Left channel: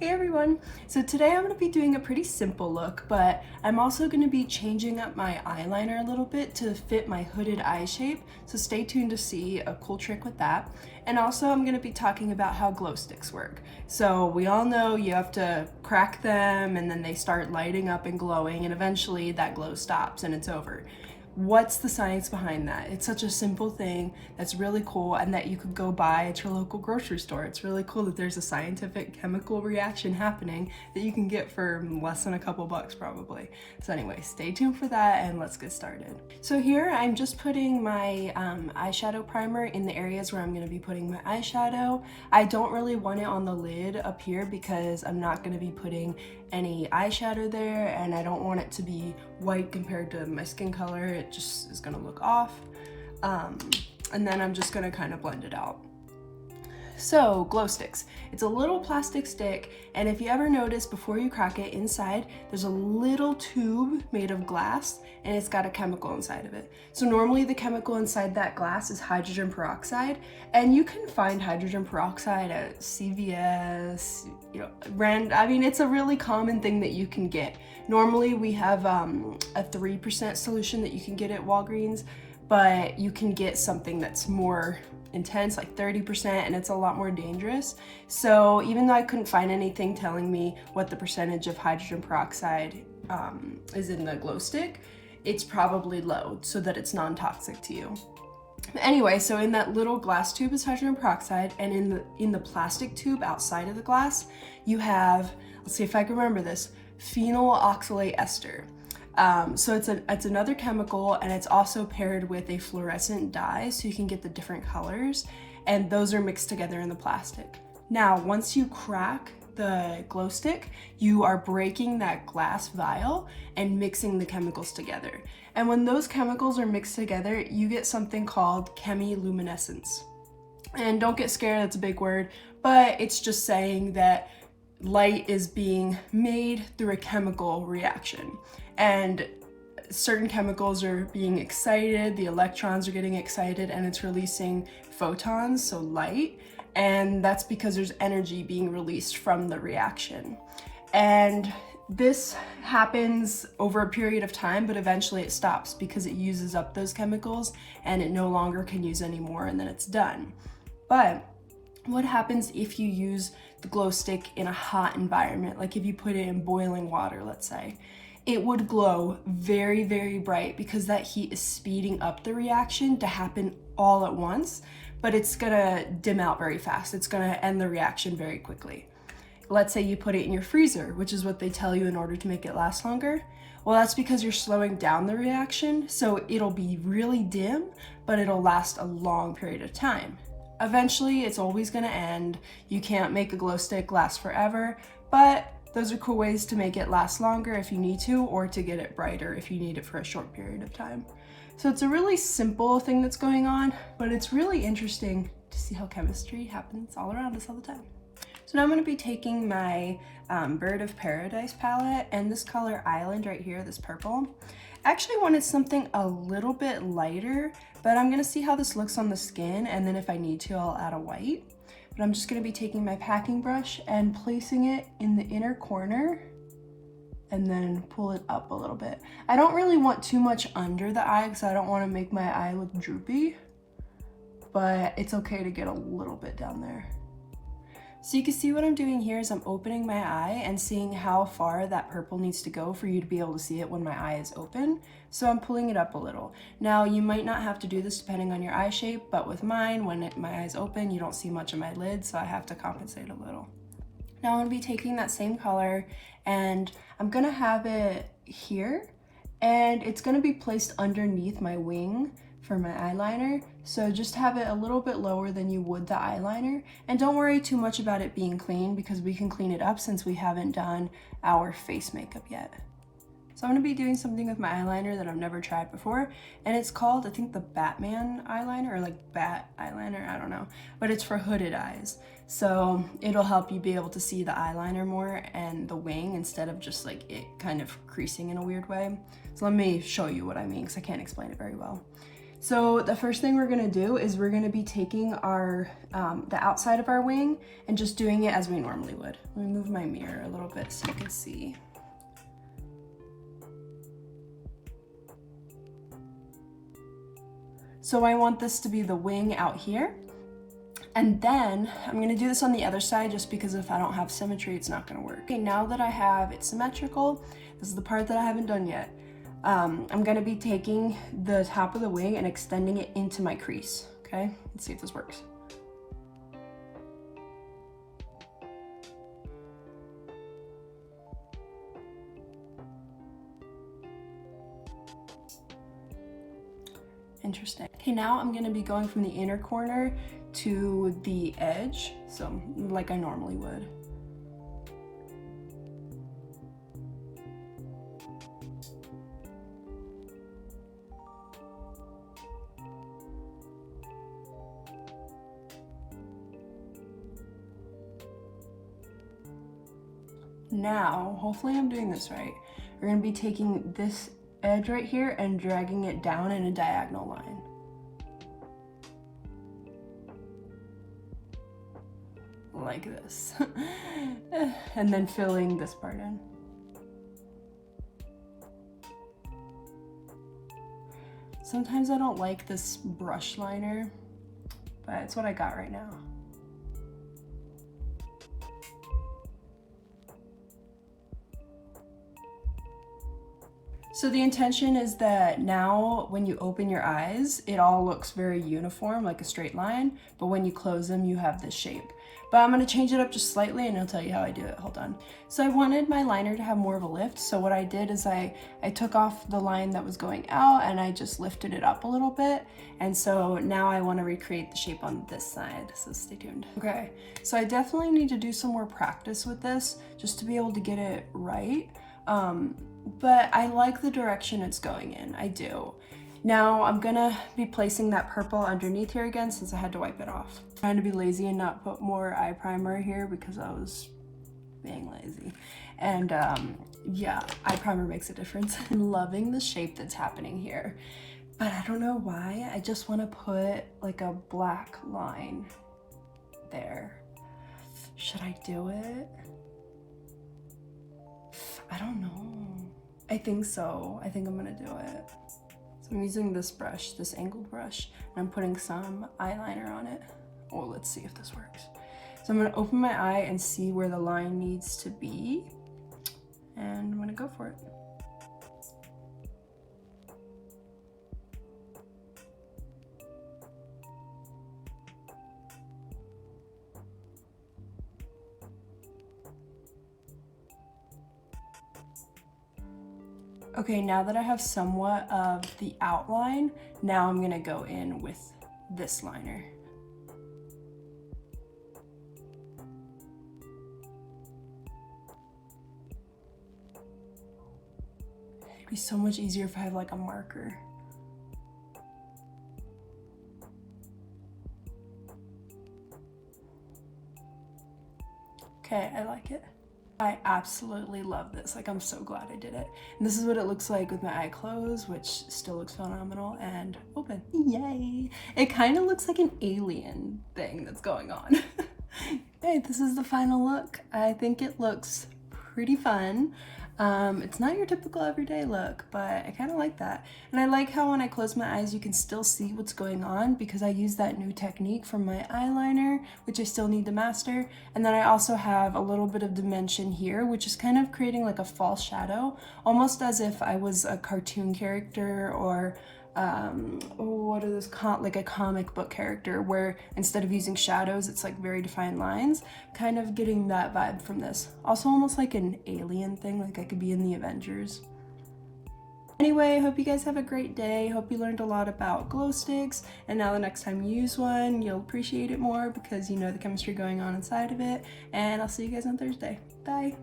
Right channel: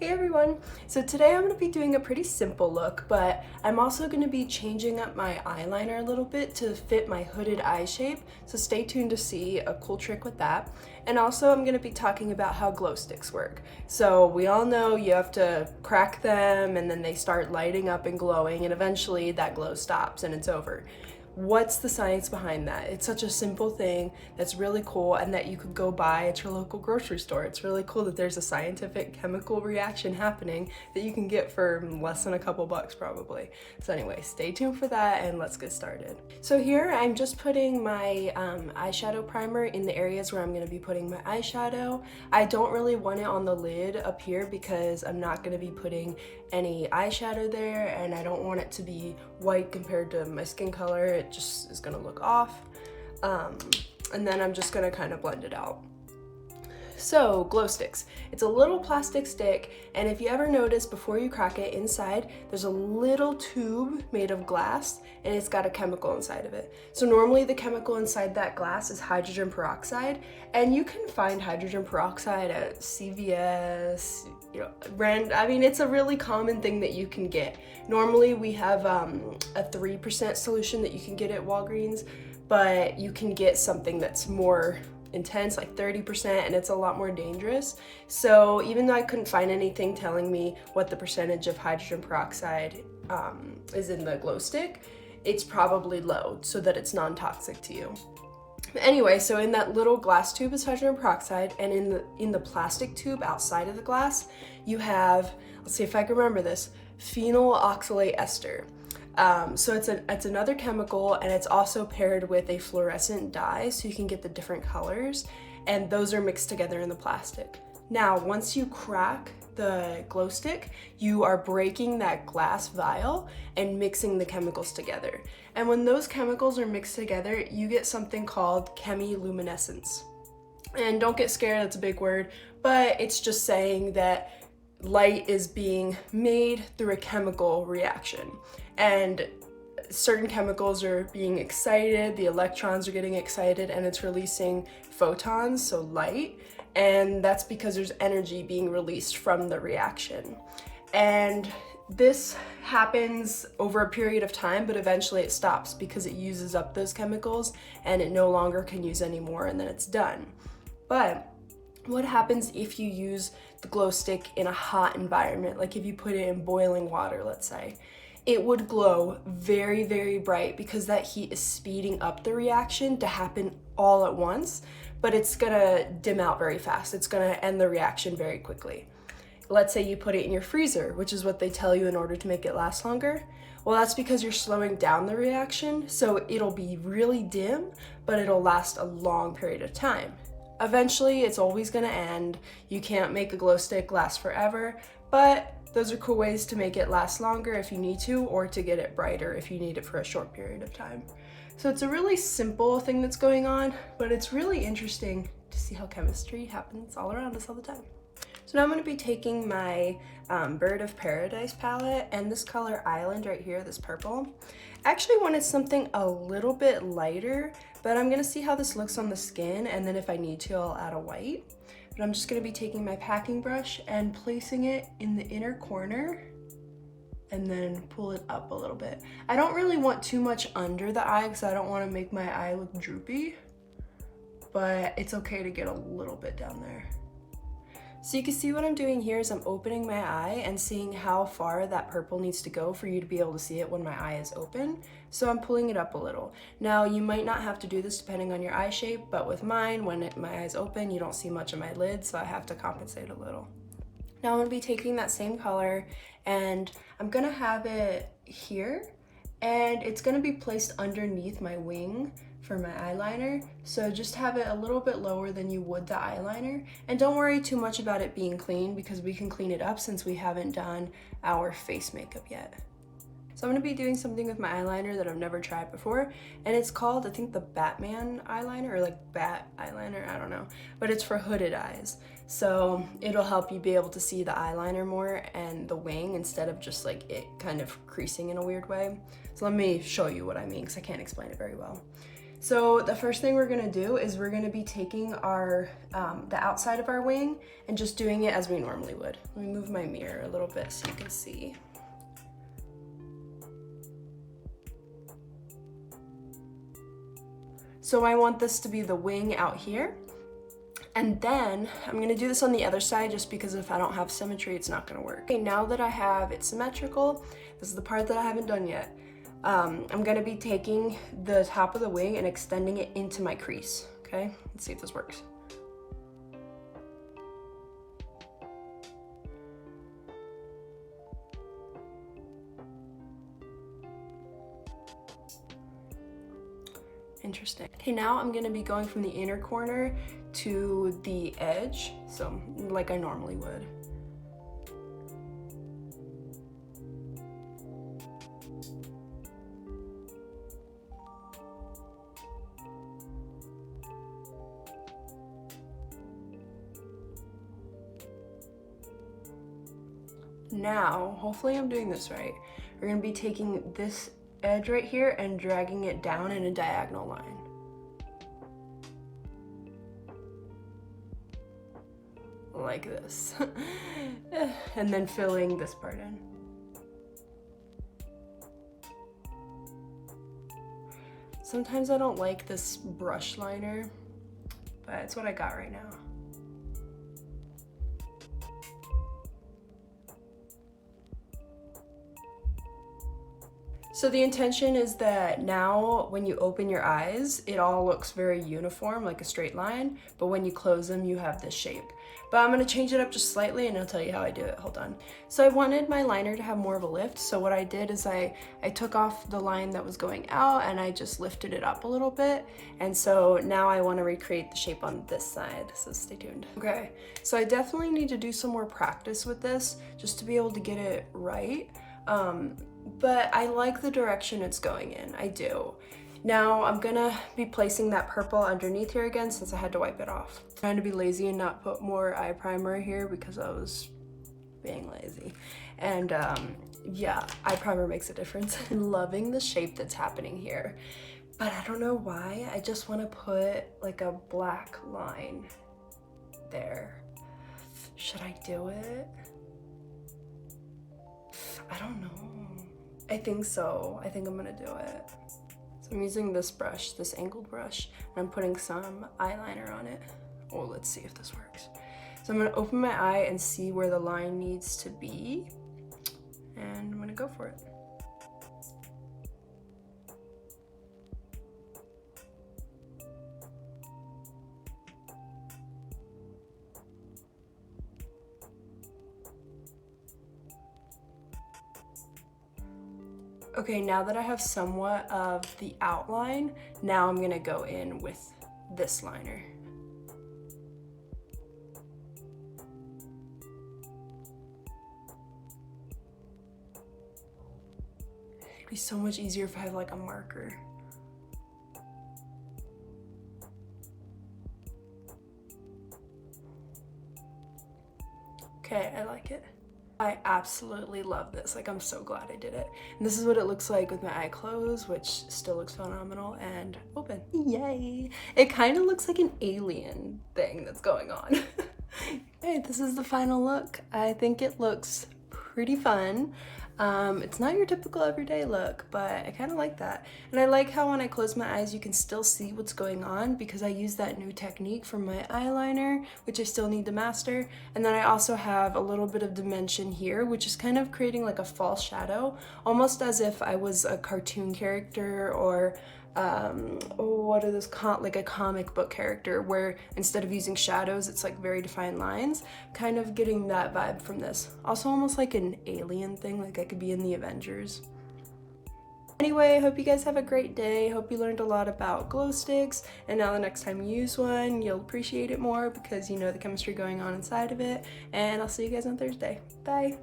Hey everyone! So today I'm going to be doing a pretty simple look, but I'm also going to be changing up my eyeliner a little bit to fit my hooded eye shape, so stay tuned to see a cool trick with that. And also I'm going to be talking about how glow sticks work. So we all know you have to crack them and then they start lighting up and glowing, and eventually that glow stops and it's over. What's the science behind that? It's such a simple thing that's really cool and that you could go buy at your local grocery store. It's really cool that there's a scientific chemical reaction happening that you can get for less than a couple bucks probably. So anyway, stay tuned for that and let's get started. So here I'm just putting my eyeshadow primer in the areas where I'm going to be putting my eyeshadow. I don't really want it on the lid up here because I'm not going to be putting any eyeshadow there and I don't want it to be white compared to my skin color. It just is gonna look off. And then I'm just gonna kind of blend it out. So glow sticks, it's a little plastic stick, and if you ever notice before you crack it, inside there's a little tube made of glass and it's got a chemical inside of it. So normally the chemical inside that glass is hydrogen peroxide, and you can find hydrogen peroxide at CVS, I mean, it's a really common thing that you can get. Normally we have a 3% solution that you can get at Walgreens, but you can get something that's more intense, like 30%, and it's a lot more dangerous. So even though I couldn't find anything telling me what the percentage of hydrogen peroxide is in the glow stick, it's probably low so that it's non-toxic to you. Anyway, so in that little glass tube is hydrogen peroxide, and in the plastic tube outside of the glass you have, let's see if I can remember this, phenyl oxalate ester. So it's another chemical, and it's also paired with a fluorescent dye so you can get the different colors, and those are mixed together in the plastic. Now, once you crack the glow stick, you are breaking that glass vial and mixing the chemicals together. And when those chemicals are mixed together, you get something called chemiluminescence. And don't get scared, that's a big word, but it's just saying that light is being made through a chemical reaction, and certain chemicals are being excited, the electrons are getting excited, and it's releasing photons, so light, and that's because there's energy being released from the reaction. And this happens over a period of time, but eventually it stops because it uses up those chemicals and it no longer can use any more, and then it's done. But what happens if you use the glow stick in a hot environment, like if you put it in boiling water, let's say? It would glow very, very bright because that heat is speeding up the reaction to happen all at once, but it's gonna dim out very fast. It's gonna end the reaction very quickly. Let's say you put it in your freezer, which is what they tell you in order to make it last longer. Well, that's because you're slowing down the reaction, so it'll be really dim, but it'll last a long period of time. Eventually, it's always gonna end. You can't make a glow stick last forever, but those are cool ways to make it last longer if you need to, or to get it brighter if you need it for a short period of time. So it's a really simple thing that's going on, but it's really interesting to see how chemistry happens all around us all the time. So now I'm going to be taking my Bird of Paradise palette, and this color Island right here, this purple. I actually wanted something a little bit lighter, but I'm going to see how this looks on the skin, and then if I need to, I'll add a white. But I'm just going to be taking my packing brush and placing it in the inner corner and then pull it up a little bit. I don't really want too much under the eye because I don't want to make my eye look droopy, but it's okay to get a little bit down there. So you can see what I'm doing here is I'm opening my eye and seeing how far that purple needs to go for you to be able to see it when my eye is open. So I'm pulling it up a little. Now you might not have to do this depending on your eye shape, but with mine, when my eye's open, you don't see much of my lid, so I have to compensate a little. Now I'm gonna be taking that same color and I'm gonna have it here, and it's gonna be placed underneath my wing for my eyeliner. So just have it a little bit lower than you would the eyeliner, and don't worry too much about it being clean because we can clean it up since we haven't done our face makeup yet. So I'm going to be doing something with my eyeliner that I've never tried before, and it's called, I think, the Batman eyeliner, or like bat eyeliner, I don't know, but it's for hooded eyes. So it'll help you be able to see the eyeliner more and the wing instead of just like it kind of creasing in a weird way. So let me show you what I mean because I can't explain it very well. So the first thing we're gonna do is we're gonna be taking our, the outside of our wing and just doing it as we normally would. Let me move my mirror a little bit so you can see. So I want this to be the wing out here. And then I'm gonna do this on the other side just because if I don't have symmetry, it's not gonna work. Okay, now that I have it symmetrical, this is the part that I haven't done yet. I'm gonna be taking the top of the wing and extending it into my crease, okay? Let's see if this works. Interesting. Okay, now I'm gonna be going from the inner corner to the edge, so like I normally would. Now, hopefully I'm doing this right. We're gonna be taking this edge right here and dragging it down in a diagonal line. Like this. And then filling this part in. Sometimes I don't like this brush liner, but it's what I got right now. So the intention is that now when you open your eyes, it all looks very uniform, like a straight line, but when you close them, you have this shape. But I'm gonna change it up just slightly and I'll tell you how I do it, hold on. So I wanted my liner to have more of a lift, so what I did is I took off the line that was going out and I just lifted it up a little bit. And so now I wanna recreate the shape on this side, so stay tuned. Okay, so I definitely need to do some more practice with this just to be able to get it right. But I like the direction it's going in, I do. Now I'm gonna be placing that purple underneath here again since I had to wipe it off. I'm trying to be lazy and not put more eye primer here because I was being lazy. And yeah, eye primer makes a difference. I'm loving the shape that's happening here, but I don't know why. I just wanna put like a black line there. Should I do it? I don't know. I think so. I think I'm gonna do it. So I'm using this brush, this angled brush, and I'm putting some eyeliner on it. Oh, let's see if this works. So I'm gonna open my eye and see where the line needs to be, and I'm gonna go for it. Okay, now that I have somewhat of the outline, now I'm gonna go in with this liner. It'd be so much easier if I have like a marker. Okay, I like it. I absolutely love this. Like, I'm so glad I did it. And this is what it looks like with my eye closed, which still looks phenomenal, and open. Yay! It kind of looks like an alien thing that's going on. Okay, this is the final look. I think it looks pretty fun. It's not your typical everyday look, but I kind of like that. And I like how when I close my eyes, you can still see what's going on because I use that new technique from my eyeliner, which I still need to master. And then I also have a little bit of dimension here, which is kind of creating like a false shadow, almost as if I was a cartoon character or what are those, like a comic book character where instead of using shadows, it's like very defined lines, kind of getting that vibe from this. Also almost like an alien thing, like I could be in the Avengers. Anyway, I hope you guys have a great day. Hope you learned a lot about glow sticks, and now the next time you use one, you'll appreciate it more because you know the chemistry going on inside of it. And I'll see you guys on Thursday. Bye.